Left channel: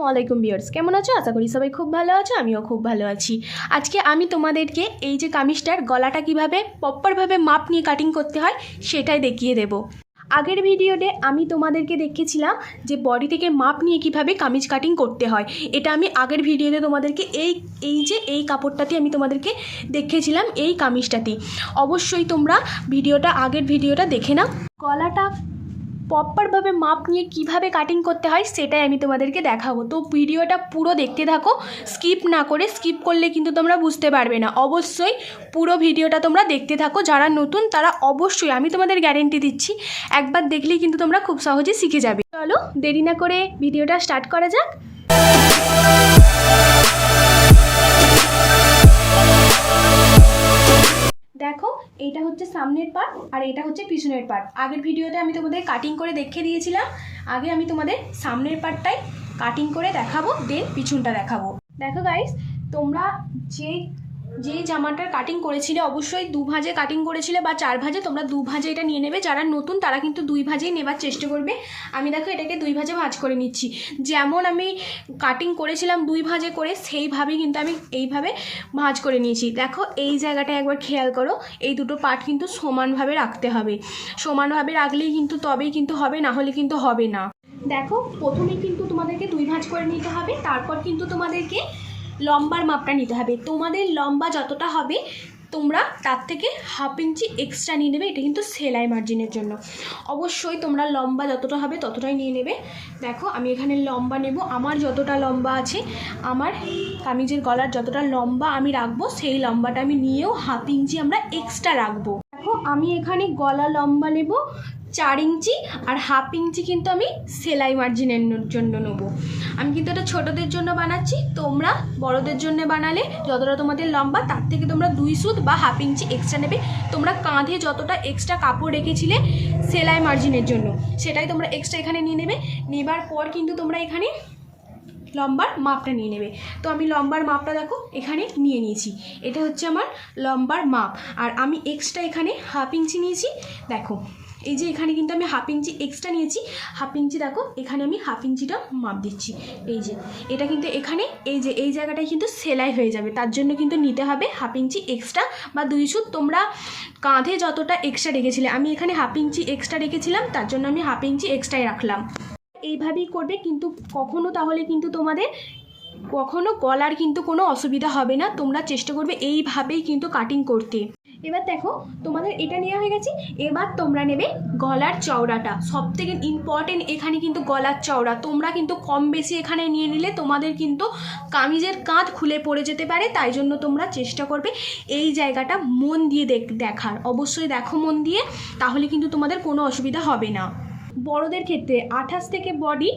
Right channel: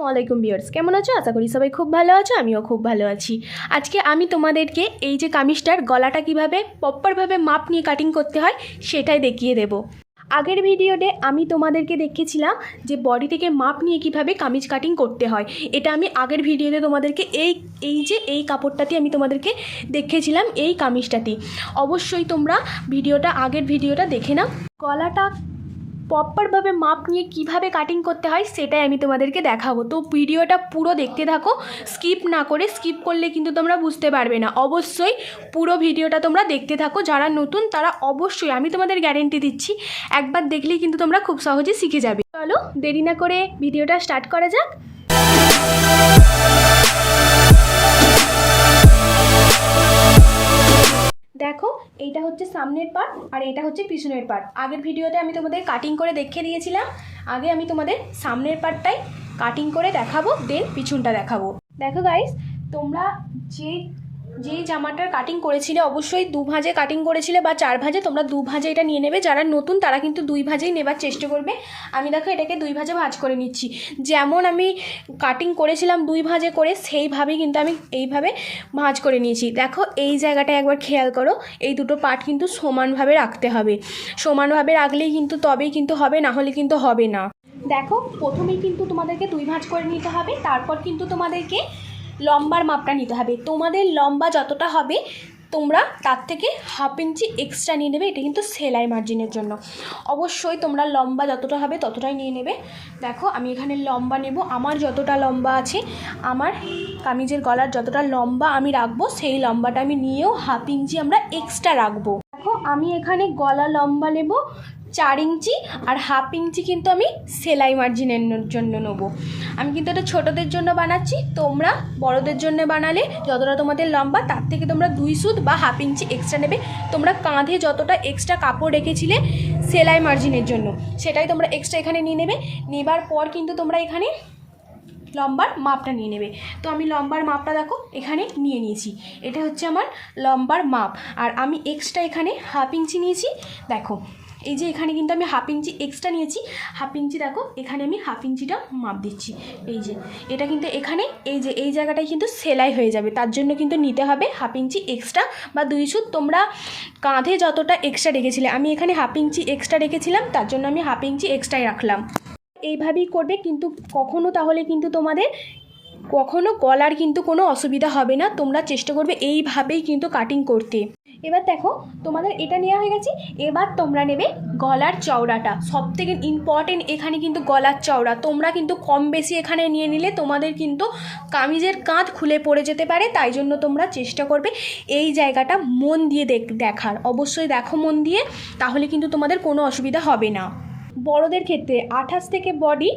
আসসালামু আলাইকুম বিয়ার্স কেমন আছো? আশা করি সবাই খুব ভালো আছো, আমিও খুব ভালো আছি। আজকে আমি তোমাদেরকে এই যে কামিজটার গলাটা কীভাবে প্রপারভাবে মাপ নিয়ে কাটিং করতে হয়, সেটাই দেখিয়ে দেব। আগের ভিডিওতে আমি তোমাদেরকে দেখিয়েছিলাম যে বডি থেকে মাপ নিয়ে কীভাবে কামিজ কাটিং করতে হয়। এটা আমি আগের ভিডিওতে তোমাদেরকে এই এই যে এই কাপড়টাতে আমি তোমাদেরকে দেখিয়েছিলাম এই কামিজটাতে। অবশ্যই তোমরা ভিডিওটা আগের ভিডিওটা দেখে নাও। গলাটা প্রপারভাবে মাপ নিয়ে কীভাবে কাটিং করতে হয় সেটাই আমি তোমাদেরকে দেখাবো। তো ভিডিওটা পুরো দেখতে থাকো স্কিপ না করে স্কিপ করলে কিন্তু তোমরা বুঝতে পারবে না। অবশ্যই পুরো ভিডিওটা তোমরা দেখতে থাকো, যারা নতুন তারা অবশ্যই, আমি তোমাদের গ্যারেন্টি দিচ্ছি, একবার দেখলেই কিন্তু তোমরা খুব সহজে শিখে যাবে। চলো দেরি না করে ভিডিওটা স্টার্ট করা যাক। হচ্ছে সামনের পার্ট আর এটা হচ্ছে পিছনের পার্ট আগের ভিডিওতে আমি তোমাদের কাটিং করে দেখিয়ে দিয়েছিলাম। আগে আমি তোমাদের সামনের পার্টটাই কাটিং করে দেখাবো দেন পিছনটা দেখাবো। দেখো গাইস তোমরা যে যেই জামাটার কাটিং করেছিলে, অবশ্যই দু ভাঁজে কাটিং করেছিলে বা চার ভাঁজে তোমরা দু ভাঁজে এটা নিয়ে নেবে। যারা নতুন, তারা কিন্তু দুই ভাঁজেই নেবার চেষ্টা করবে। আমি দেখো এটাকে দুই ভাঁজে ভাঁজ করে নিচ্ছি। যেমন আমি কাটিং করেছিলাম দুই ভাঁজে করে, সেইভাবেই কিন্তু আমি এইভাবে ভাঁজ করে নিয়েছি। দেখো এই জায়গাটা একবার খেয়াল করো, এই দুটো পার্ট কিন্তু সমানভাবে রাখতে হবে। সমানভাবে রাখলেই কিন্তু তবেই কিন্তু হবে, না হলে কিন্তু হবে না। দেখো, প্রথমেই কিন্তু তোমাদেরকে দুই ভাঁজ করে নিতে হবে। তারপর কিন্তু তোমাদেরকে লম্বার মাপটা নিতে হবে। তোমাদের লম্বা যতটা হবে, তোমরা তার থেকে হাফ ইঞ্চি এক্সট্রা নিয়ে নেবে। এটা কিন্তু সেলাই মার্জিনের জন্য। অবশ্যই তোমরা লম্বা যতটা হবে ততটাই নিয়ে নেবে। দেখো, আমি এখানে লম্বা নেব। আমার যতটা লম্বা আছে, আমার কামিজের গলার যতটা লম্বা আমি রাখব, সেই লম্বাটা আমি নিয়েও হাফ ইঞ্চি আমরা এক্সট্রা রাখব। দেখো, আমি এখানে গলা লম্বা নেব। চার ইঞ্চি আর হাফ ইঞ্চি কিন্তু আমি সেলাই মার্জিনের জন্য নেব। আমি কিন্তু এটা ছোটোদের জন্য বানাচ্ছি, তোমরা বড়দের জন্য বানালে যতটা তোমাদের লম্বা, তার থেকে তোমরা দুই সুত বা হাফ ইঞ্চি এক্সট্রা নেবে। তোমরা কাঁধে যতটা এক্সট্রা কাপড় রেখেছিলে সেলাই মার্জিনের জন্য, সেটাই তোমরা এক্সট্রা এখানে নিয়ে নেবে। নেবার পর কিন্তু তোমরা এখানে লম্বার মাপটা নিয়ে নেবে। তো আমি লম্বার মাপটা দেখো এখানে নিয়ে নিয়েছি। এটা হচ্ছে আমার লম্বার মাপ। আর আমি এক্সট্রা এখানে হাফ ইঞ্চি নিয়েছি। দেখো, এই যে এখানে কিন্তু আমি হাফ ইঞ্চি এক্সট্রা নিয়েছি। হাফ ইঞ্চি দেখো, এখানে আমি হাফ ইঞ্চিটা মাপ দিচ্ছি। এই যে, এটা কিন্তু এখানে, এই যে, এই জায়গাটায় কিন্তু সেলাই হয়ে যাবে। তার জন্য কিন্তু নিতে হবে হাফ ইঞ্চি এক্সট্রা বা দুই সুত তোমরা কাঁধে যতটা এক্সট্রা রেখেছিলে। আমি এখানে হাফ ইঞ্চি এক্সট্রা রেখেছিলাম, তার জন্য আমি হাফ ইঞ্চি এক্সট্রাই রাখলাম। এইভাবেই করবে, কিন্তু কখনো তাহলে কিন্তু তোমাদের কখনো গলার কিন্তু কোনো অসুবিধা হবে না, তোমরা চেষ্টা করবে এইভাবেই কিন্তু কাটিং করতে। এবার দেখো, তোমাদের এটা নেওয়া হয়ে গেছে, এবার তোমরা নেবে গলার চওড়াটা। সব থেকে ইম্পর্টেন্ট এখানে কিন্তু গলার চওড়া। তোমরা কিন্তু কম বেশি এখানে নিয়ে নিলে তোমাদের কিন্তু কামিজের কাঁধ খুলে পড়ে যেতে পারে, তাই জন্য তোমরা চেষ্টা করবে এই জায়গাটা মন দিয়ে দেখ, দেখার। অবশ্যই দেখো মন দিয়ে, তাহলে কিন্তু তোমাদের কোনো অসুবিধা হবে না। বড়দের ক্ষেত্রে আঠাশ থেকে বডি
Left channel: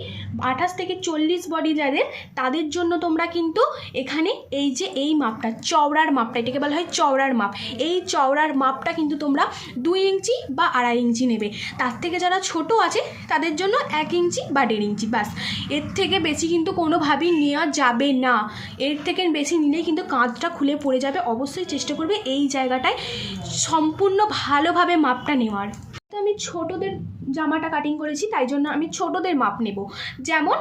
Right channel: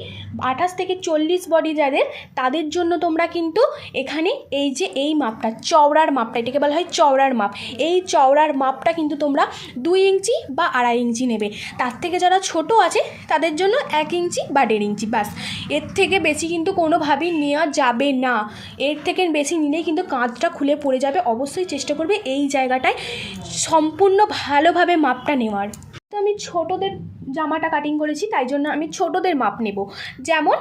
আঠাশ থেকে চল্লিশ বডি যাদের, তাদের জন্য তোমরা কিন্তু এখানে এই যে এই মাপটা, চওড়ার মাপটা, এটাকে বলা হয় চওড়ার মাপ। এই চওড়ার মাপটা কিন্তু তোমরা দুই ইঞ্চি বা আড়াই ইঞ্চি নেবে। তার থেকে যারা ছোট আছে, তাদের জন্য এক ইঞ্চি বা দেড় ইঞ্চি বাসের থেকে বেশি কিন্তু কোনোভাবেই নেওয়া যাবে না। এর থেকে বেশি নিলেই কিন্তু কাঁধটা খুলে পড়ে যাবে। অবশ্যই চেষ্টা করবে এই জায়গাটায় সম্পূর্ণ ভালোভাবে মাপটা নেওয়ার। তো আমি ছোটদের জামাটা কাটিং করেছি, তাই জন্য আমি ছোটদের মাপ নেব। যেমন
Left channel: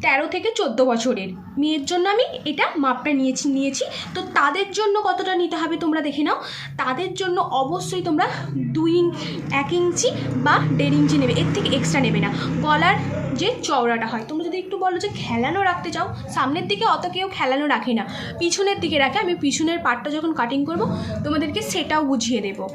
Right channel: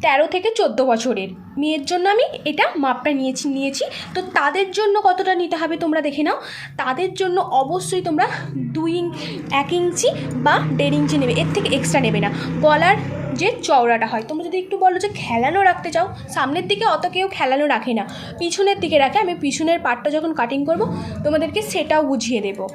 তেরো থেকে চোদ্দ বছরের। মেয়ের জন্য আমি এটা মাপটা নিয়েছি নিয়েছি। তো তাদের জন্য কতটা নিতে হবে তোমরা দেখে নাও। তাদের জন্য অবশ্যই তোমরা দুই এক ইঞ্চি বা দেড় ইঞ্চি নেবে। এর থেকে এক্সট্রা নেবে না। গলার যে চওড়াটা হয়, তোমরা যদি একটু বলো যে খেলানো রাখতে চাও, সামনের দিকে অত কেউ খেলানো রাখে না। পিছনের দিকে রাখে। আমি পিছনের পার্টটা যখন কাটিং করব, তোমাদেরকে সেটাও বুঝিয়ে দেবো।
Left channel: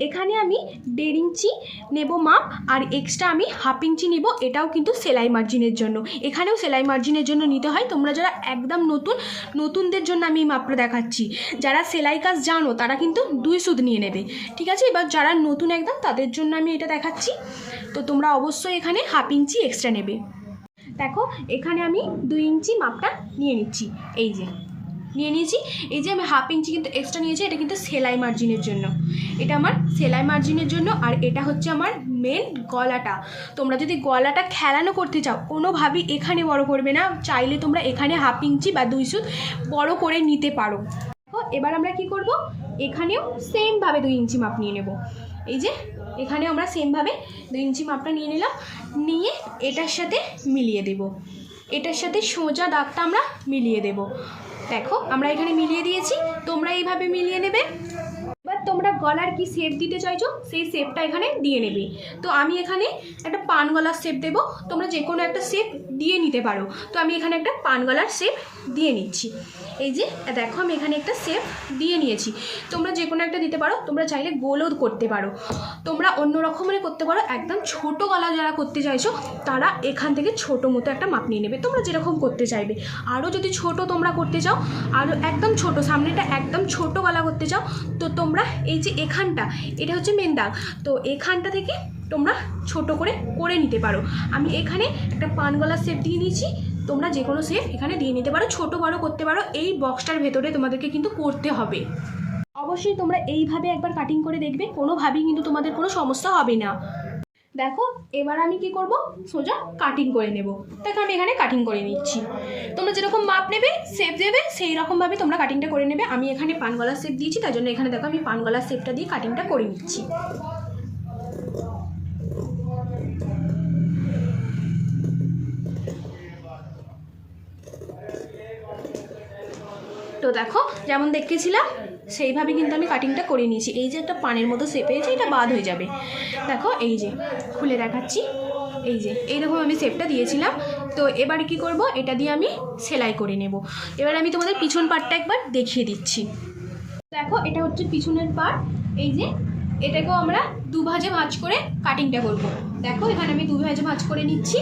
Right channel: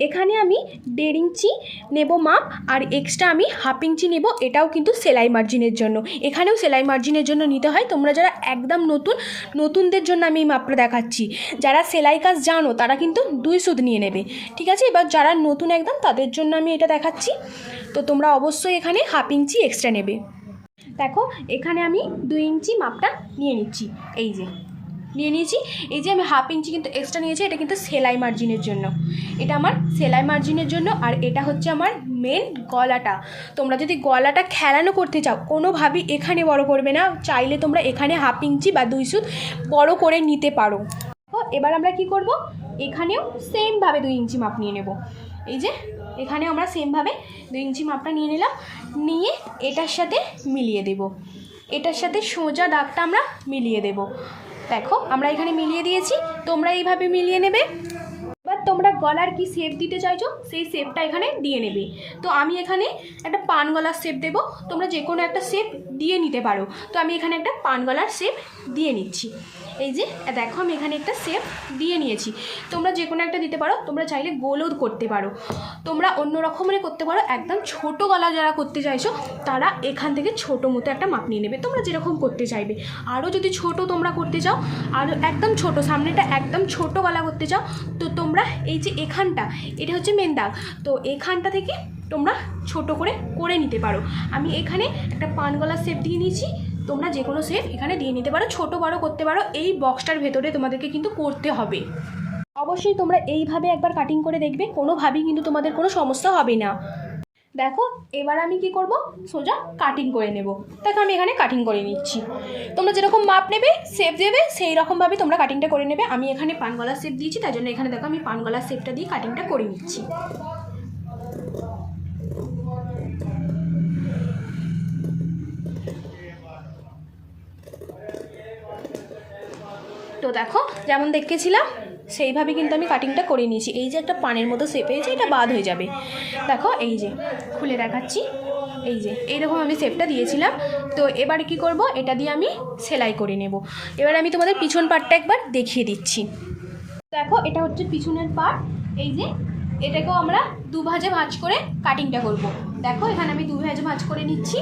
এখানে আমি দেড় ইঞ্চি নেব মাপ আর এক্সট্রা আমি হাফ ইঞ্চি নেব। এটাও কিন্তু সেলাই মার্জিনের জন্য। এখানেও সেলাই মার্জিনের জন্য নিতে হয়। তোমরা যারা একদম নতুন, নতুনদের জন্য আমি এই মাপটা দেখাচ্ছি। যারা সেলাই কাজ জানো, তারা কিন্তু দুই সুদ নিয়ে নেবে। ঠিক আছে? এবার যারা নতুন একদম, তাদের জন্য আমি এটা দেখাচ্ছি। তো তোমরা অবশ্যই এখানে হাফ ইঞ্চি এক্সট্রা নেবে। দেখো, এখানে আমি দুই ইঞ্চি মাপটা নিয়ে নিচ্ছি। এই যে। নিয়ে নিয়েছি। এই যে আমি হাফ ইঞ্চি কিন্তু এক্সট্রা নিয়েছি, এটা কিন্তু সেলাই মার্জিনের জন্য। এটা আমার সেলাই মার্জিনের জন্য আর এটা হচ্ছে আমার মেন গলাটা। তোমরা যদি গলাটা খেলানো করতে চাও, কোনোভাবেই এখানে বড় করবে না। চাইলে তোমরা এখানে হাফ ইঞ্চি বা দুই সুত বড় করে নিতে পারো। তো এবার আমরা কি করব? এখানেও সেমভাবে দুই ইঞ্চি মাপ নিয়ে নেব। এই যে এখানে আমরা সেমভাবে দুই ইঞ্চি মাপটা নিয়ে নিলাম। নিয়ে এটার সাথে মিলিয়ে দেব। এটার সাথে সোজা দাগটা আমরা মিলিয়ে দেব। দেখো আমরা এখানে মিলিয়ে দিয়েছি তোমরা এইভাবে মিলিয়ে নেবে। এবার তোমরা গলার কি শেপ দিতে চাইছো, সেই শেপটা এখানে দিয়ে নেবে। তো আমি এখানে একটা পান গলার শেপ দেবো। তোমরা যে কোনো একটা শেপ দিয়ে নিতে পারো। তো আমি এখানে একটা পান গলার শেপ দিয়ে নিচ্ছি। এই যে, দেখো আমি এখানে একটা শেপ দিয়ে নিয়েছি। তোমরা যে কোনো একটা দিতে পারো, তোমরা চাইলে গোলও করতে পারো। তোমরা অন্য রকমের করতে পারো। একদম ছোট গলা যারা করতে চাইছো, তারা এখান থেকে ছোট মতো একটা মাপ নিয়ে নেবে। তোমরা যেরকম করতে চাইবে। আরও যদি ছোট তোমরা করতে চাও আরও একদম ছোট, সামনেটা একদম ছোট গলা করতে চাও, তো তোমরা এই যে এখানটা, এটা হচ্ছে মেন দাগ। তো এখানটা থেকে তোমরা ছোট করে করে নিতে পারো। আমি এখানে একটা পানগলা শেপ দিয়ে নিয়েছি। তোমরা যে কোনো সেপ এখানে দিয়ে নিতে পারো। ছোট, বড়ো করতে পারো। এই বক্সটার ভেতরে তোমাদেরকে কিন্তু করতে হবে। অবশ্যই তোমরা এইভাবে একবার কাটিং করে দেখবে। কোনোভাবেই কিন্তু তোমাদের কোনো সমস্যা হবে না। দেখো, এবার আমি কি করব? সোজা কাটিং করে নেব। দেখো, আমি এখানে কাটিং করে নিচ্ছি। তোমরা যেরকম মাপ নেবে শেপ দেবে সেই রকমভাবে তোমরা কাটিংটা করে নেবে। আমি এখানে পানগলার শেপ দিয়েছি, তার জন্য এখানে দেখো, আমি পানগলার শেপটা দিয়ে কাটিংটা করে নিচ্ছি। তো দেখো, যেমন দেখেছিলাম সেইভাবে কিন্তু আমি কাটিংটা করে নিয়েছি। এই যে একটা পানের মতো শেপ হয়েছে এটা বাদ হয়ে যাবে। দেখো, এই যে, খুলে দেখাচ্ছি। এই যে, এইরকম আমি শেপটা দিয়েছিলাম। তো এবার কি করব? এটা দিয়ে আমি সেলাই করে নেব। এবার আমি তোমাদের পিছন পাটটা একবার দেখিয়ে দিচ্ছি। দেখো, এটা হচ্ছে পিছনের পার্ট এই যে, এটাকেও আমরা দু ভাজে ভাঁজ করে কাটিংটা করব। দেখো, এখানে আমি দু ভাজে ভাঁজ করে নিচ্ছি।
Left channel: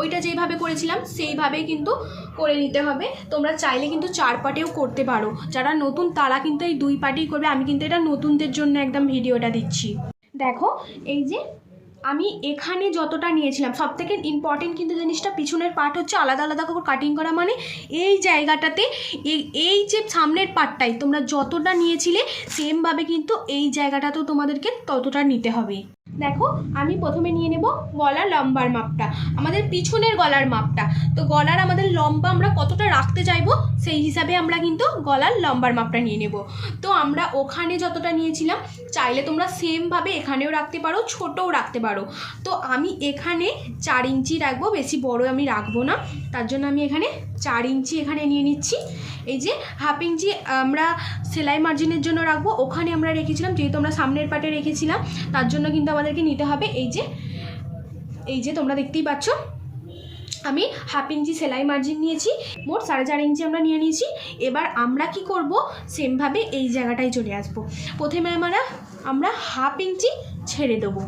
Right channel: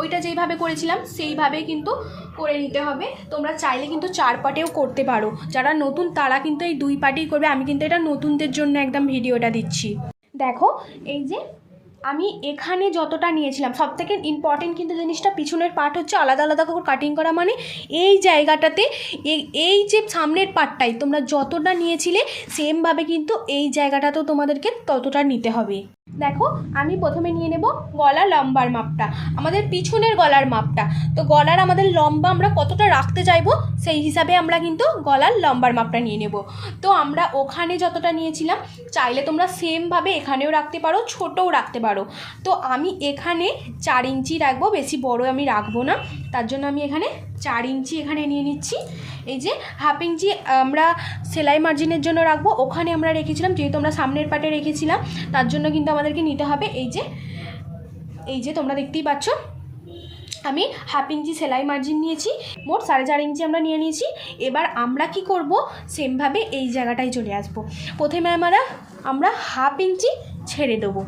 ওইটা যেইভাবে করেছিলাম, সেইভাবেই কিন্তু করে নিতে হবে। তোমরা চাইলে কিন্তু চার পাটেও করতে পারো। যারা নতুন, তারা কিন্তু এই দুই পাটেই করবে। আমি কিন্তু এটা নতুনদের জন্য একদম ভিডিওটা দিচ্ছি। দেখো, এই যে আমি এখানে যতটা নিয়েছিলাম সব থেকে ইম্পর্টেন্ট কিন্তু জিনিসটা পিছনের পার্ট হচ্ছে আলাদা আলাদা করে কাটিং করা। মানে এই জায়গাটাতে এই এই যে সামনের পার্টটাই তোমরা যতটা নিয়েছিলে সেমভাবে কিন্তু এই জায়গাটাতেও তোমাদেরকে ততটা নিতে হবে। দেখো, আমি প্রথমে নিয়ে নেব গলা লম্বার মাপটা, আমাদের পিছনের গলার মাপটা। তো গলার আমাদের লম্বা আমরা কতটা রাখতে চাইব, সেই হিসাবে আমরা কিন্তু গলার লম্বার মাপটা নিয়ে নেব। তো আমরা ওখানে যতটা নিয়েছিলাম, চাইলে তোমরা সেমভাবে এখানেও রাখতে পারো, ছোটও রাখতে পারো। তো আমি এখানে চার ইঞ্চি রাখব, বেশি বড় আমি রাখব না, তার জন্য আমি এখানে চার ইঞ্চি এখানে নিয়ে নিচ্ছি। এই যে হাফ ইঞ্চি আমরা সেলাই মার্জিনের জন্য রাখব। ওখানে আমরা রেখেছিলাম, যেহেতু আমরা সামনের পাটে রেখেছিলাম, তার জন্য কিন্তু আমাদেরকে নিতে হবে। এই যে এই যে তোমরা দেখতেই পাচ্ছ, আমি হাফ ইঞ্চি সেলাই মার্জিন নিয়েছি। মোট সাড়ে চার ইঞ্চি আমরা নিয়ে নিয়েছি। এবার আমরা কি করব? সেমভাবে এই জায়গাটায় চলে আসব। প্রথমে আমরা আমরা হাফ ইঞ্চি ছেড়ে দেবো।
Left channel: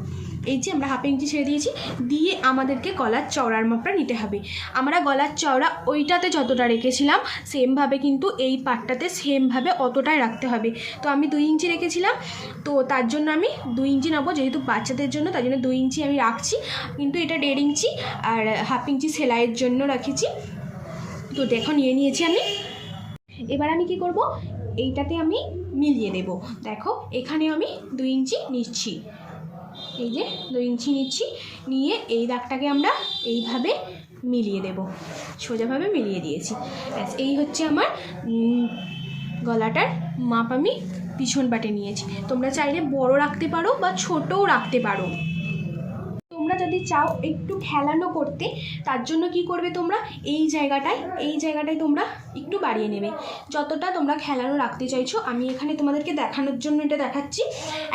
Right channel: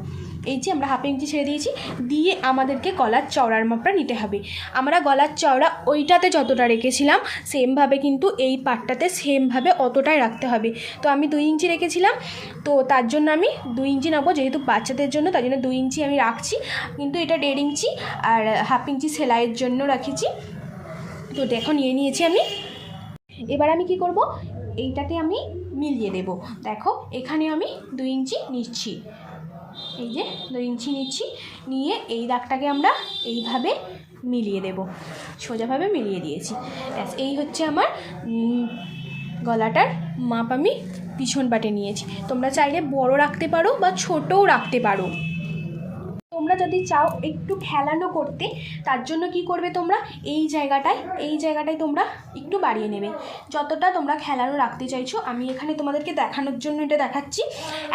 এই যে আমরা হাফ ইঞ্চি ছেড়ে দিয়েছি, দিয়ে আমাদেরকে গলার চওড়ার মাপটা নিতে হবে। আমরা গলার চওড়া ওইটাতে যতটা রেখেছিলাম সেমভাবে কিন্তু এই পাটটাতে সেমভাবে অতটাই রাখতে হবে। তো আমি দুই ইঞ্চি রেখেছিলাম, তো তার জন্য আমি দুই ইঞ্চি নেব, যেহেতু বাচ্চাদের জন্য, তার জন্য দুই ইঞ্চি আমি রাখছি। কিন্তু এটা দেড় ইঞ্চি, আর হাফ ইঞ্চি সেলাইয়ের জন্য রাখেছি। তো দেখো, নিয়ে নিয়েছি আমি। এবার আমি কি করব? এইটাতে আমি মিলিয়ে দেব। দেখো এখানে আমি দুই ইঞ্চি নিচ্ছি। এই যে দুই ইঞ্চি নিচ্ছি। নিয়ে এই দাগটাকে আমরা এইভাবে মিলিয়ে দেব। সোজাভাবে মিলিয়ে দিয়েছি। ব্যাস, এই হচ্ছে আমার গলাটার মাপ আমি পিছন পাটে নিয়েছি। তোমরা চাইলে বড় রাখতে পারো বা ছোটও রাখতে পারো। তোমরা যদি চাও একটু খেলানো করতে, তার জন্য কি করবে তোমরা? এই জায়গাটায় এই জায়গাটায় তোমরা একটু বাড়িয়ে নেবে। যতটা তোমরা খেলানো রাখতে চাইছো, আমি এখানে তোমাদেরকে দেখানোর জন্য এটা দেখাচ্ছি।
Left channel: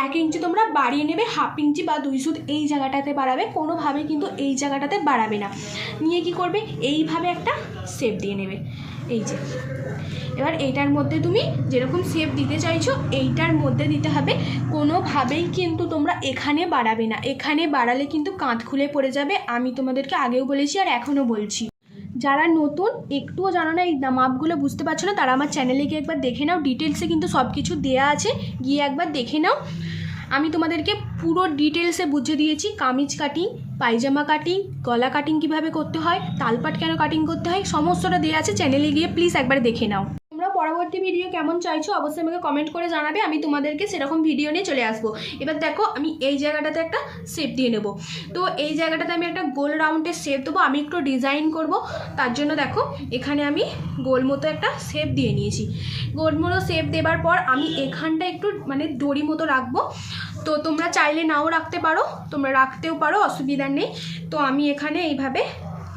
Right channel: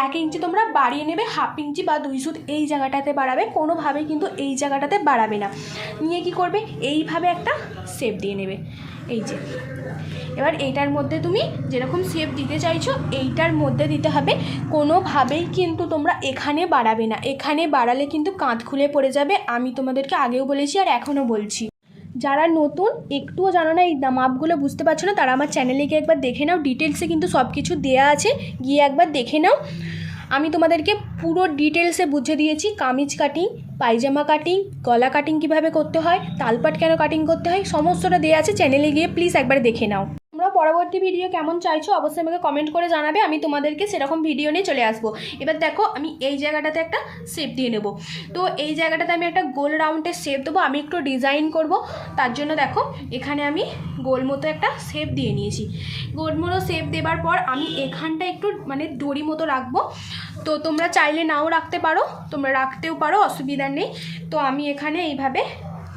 এক ইঞ্চি তোমরা বাড়িয়ে নেবে, হাফ ইঞ্চি বা দুই সুদ এই জায়গাটাতে বাড়াবে কোনোভাবে কিন্তু এই জায়গাটাতে বাড়াবে না। নিয়ে কি করবে? এইভাবে একটা শেপ দিয়ে নেবে। এই যে। এবার এইটার মধ্যে তুমি যেরকম শেপ দিতে চাইছো, এইটার মধ্যে দিতে হবে। কোনোভাবেই কিন্তু তোমরা এখানে বাড়াবে না। এখানে বাড়ালে কিন্তু কাঁধ খুলে পড়ে যাবে। আমি তোমাদেরকে আগেও বলেছি আর এখনও বলছি। যারা নতুন, একটুও জানো না, এই মাপগুলো বুঝতে পারছ না, তারা আমার চ্যানেলে গিয়ে একবার দেখে নাও। ডিটেলসে কিন্তু সব কিছু দেয়া আছে। গিয়ে একবার দেখে নাও। আমি তোমাদেরকে পুরো ডিটেলসে বুঝে দিয়েছি। কামিজ কাটিং পায়জামা কাটিং গলা কাটিং কীভাবে করতে হয়, তালপাট কেন কাটিং করতে হয়, সমস্তটা দেওয়া আছে। চ্যানেলে গিয়ে প্লিজ একবার দেখে নাও। পরবর্তী ভিডিও কেমন চাইছো অবশ্যই আমাকে কমেন্ট করে জানাবে, আমি তোমাদেরকে সেরকম ভিডিও নিয়ে চলে আসব। এবার দেখো, আমি এই জায়গাটাতে একটা শেপ দিয়ে নেব। তো এই জায়গাটাতে আমি একটা গোল রাউন্ডের শেপ দেবো, আমি একটু ডিজাইন করব। তার জন্য দেখো, এখানে আমি গোল মতো একটা শেপ দিয়ে নিয়েছি। গোল মতো শেপ দেবার পর আমি এখানটা একটু মানে দড়ি মতো রাখব। তো তোমরা চাইলে নাও রাখতে পারো, তোমরা রাখতেও পারো, অসুবিধা নেই। তো আমি এখানে এইভাবে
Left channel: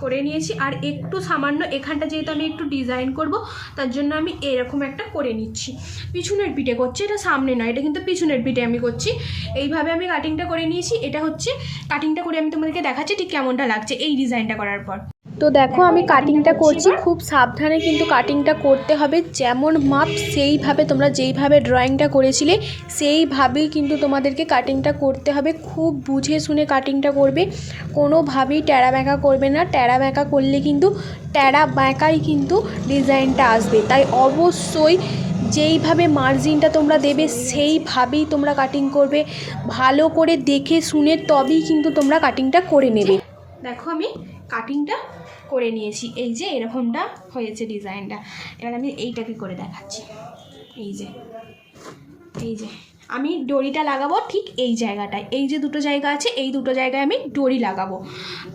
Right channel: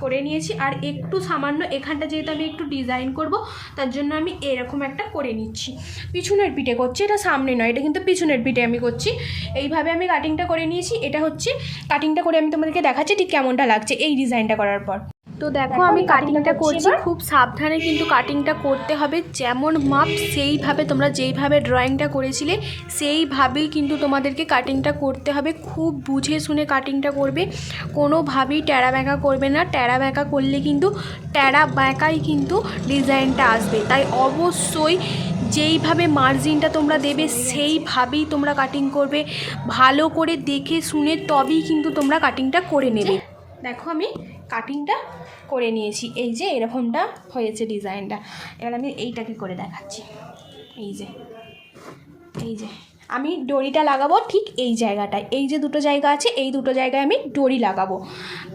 করে নিয়েছি আর একটু সামান্য এখানটা যেহেতু আমি একটু ডিজাইন করব, তার জন্য আমি এরকম একটা করে নিচ্ছি। পিছনের পিঠে করছি, এটা সামনে নয়, এটা কিন্তু পিছনের পিঠে আমি করছি। এইভাবে আমি কাটিংটা করে নিয়েছি, এটা হচ্ছে কাটিংটা করে আমি তোমাদেরকে দেখাচ্ছি ঠিক কেমনটা লাগছে এই ডিজাইনটা করার পর। তো দেখো, আমি কাটিংটা করছি। খুব সাবধানে কিন্তু কাটিংটা করতে হবে। যেমন মাপ, সেইভাবে তোমরা যেইভাবে ড্রয়িংটা করেছিলে, সেইভাবেই কিন্তু তোমাদেরকে কাটিংটা করতে হবে। খুব বুঝে শুনে কাটিংটা করবে। কোনোভাবেই ট্যাড়া ব্যাঁকা করবে না। ট্যাড়া ব্যাঁকা করলে কিন্তু ট্যাড়া ব্যাঁকাই কিন্তু ডিজাইনটা আসবে। তাই অবশ্যই যেইভাবে মার্জিনটা তোমরা দেবে, সেইভাবেই তোমরা কাটিং করবে। ভালো করে দেখে শুনে তবেই কিন্তু তোমরা কাটিংটা করে নেবে। দেখো আমি কাটিংটা করে নিয়েছি। এই যে এরকমটা হয়েছে ডিজাইনটা। এবার আমি এইটাকে করে দেখাচ্ছি। এই যে এই যে। আমি দড়িটা লাগাবো ঠিক এই জায়গাটায়। এই যে দুটো জায়গা আছে, এই দুটো জায়গায় আমি দড়ি লাগাবো।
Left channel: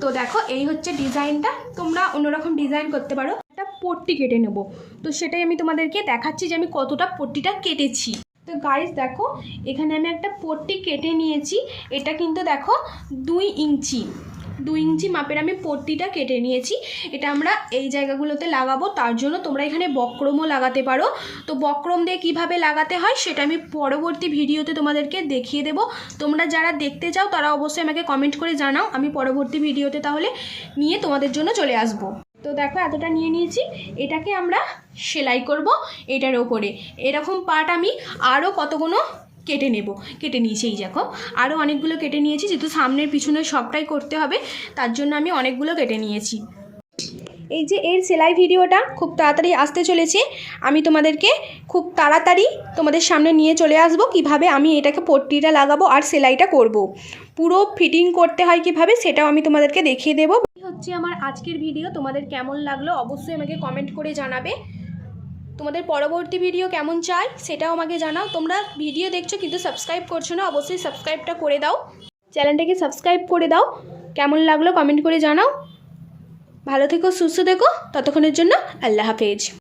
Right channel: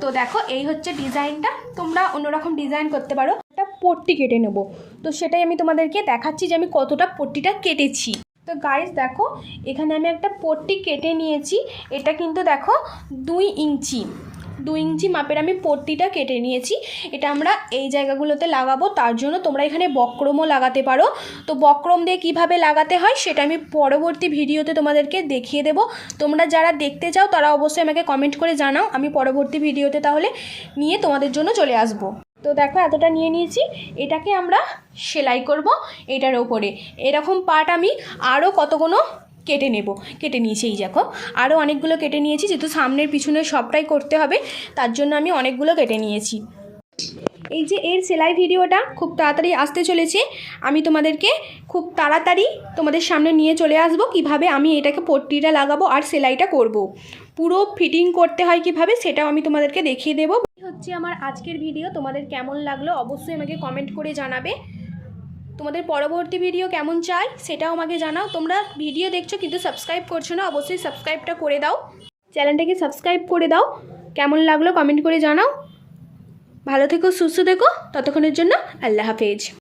তো দেখো, এই হচ্ছে ডিজাইনটা। তোমরা অন্যরকম ডিজাইন করতে পারো। একটা পট্টি কেটে নেব। তো সেটাই আমি তোমাদেরকে দেখাচ্ছি যে আমি কতটা পট্টিটা কেটেছি। তো গাইস দেখো, এখানে আমি একটা পট্টি কেটে নিয়েছি। এটা কিন্তু দেখো দুই ইঞ্চি। দুই ইঞ্চি মাপের আমি পট্টিটা কেটে নিয়েছি। এটা আমরা এই জায়গাগুলোতে লাগাবো, তার জন্য তোমরা এখানে বক্রমও লাগাতে পারো। তো বক্রম দিয়ে কীভাবে লাগাতে হয় সেটা আমি পরবর্তী ভিডিওতে তোমাদেরকে দেখিয়ে দেবো। তোমরা যারা দেখতে চাও তারা অবশ্যই আমাকে কমেন্ট করে জানাও। আমি পরবর্তী ভিডিওতে তাহলে নিয়ে তোমাদের জন্য চলে আসব। তো দেখো এতটা নিয়ে নিয়েছি, এটাকে আমরা সেলাই করব এটার ওপরে। এরকম পার্ট আমি আরও কতগুলো কেটে নেব, কেটে নিয়েছি, এই দেখো। আরও অনেকগুলো কেটে নিয়েছি, যেহেতু সামনের পিছনে সবটাই করতে হবে, তার জন্য আমি অনেকগুলো কেটে নিয়েছি। এই যে এর সেলাই ভিডিওটা খুব তাড়াতাড়ি আসতে চলেছে, আমি তোমাদেরকে খুব তাড়াতাড়ি তোমাদের সামনে নিয়ে চলে আসব, কীভাবে আমি এটাকে পট্টিটা লাগাবো আর সেলাইটা করব। পুরো ফিটিং করতে হয় কীভাবে, সেটাও আমি তোমাদেরকে দেখিয়ে দেবো। হচ্ছে আমার আজকের ভিডিও, তোমাদের কেমন লাগল অবশ্যই আমাকে কমেন্ট করে জানাবে। তোমাদের পরবর্তী ভিডিও কেমন চাই সেটাও আমাকে জানাও। তোমরা ভিডিও দেখছ কিন্তু সাবস্ক্রাইব করছ না, অবশ্যই সাবস্ক্রাইবটা করে দাও। চ্যানেলটাকে সাবস্ক্রাইব করে দাও। কেমন লাগল কমেন্ট করে জানাও। ভালো থেকো, সুস্থ থেকো। ততক্ষণের জন্য আল্লাহ হাফেজ।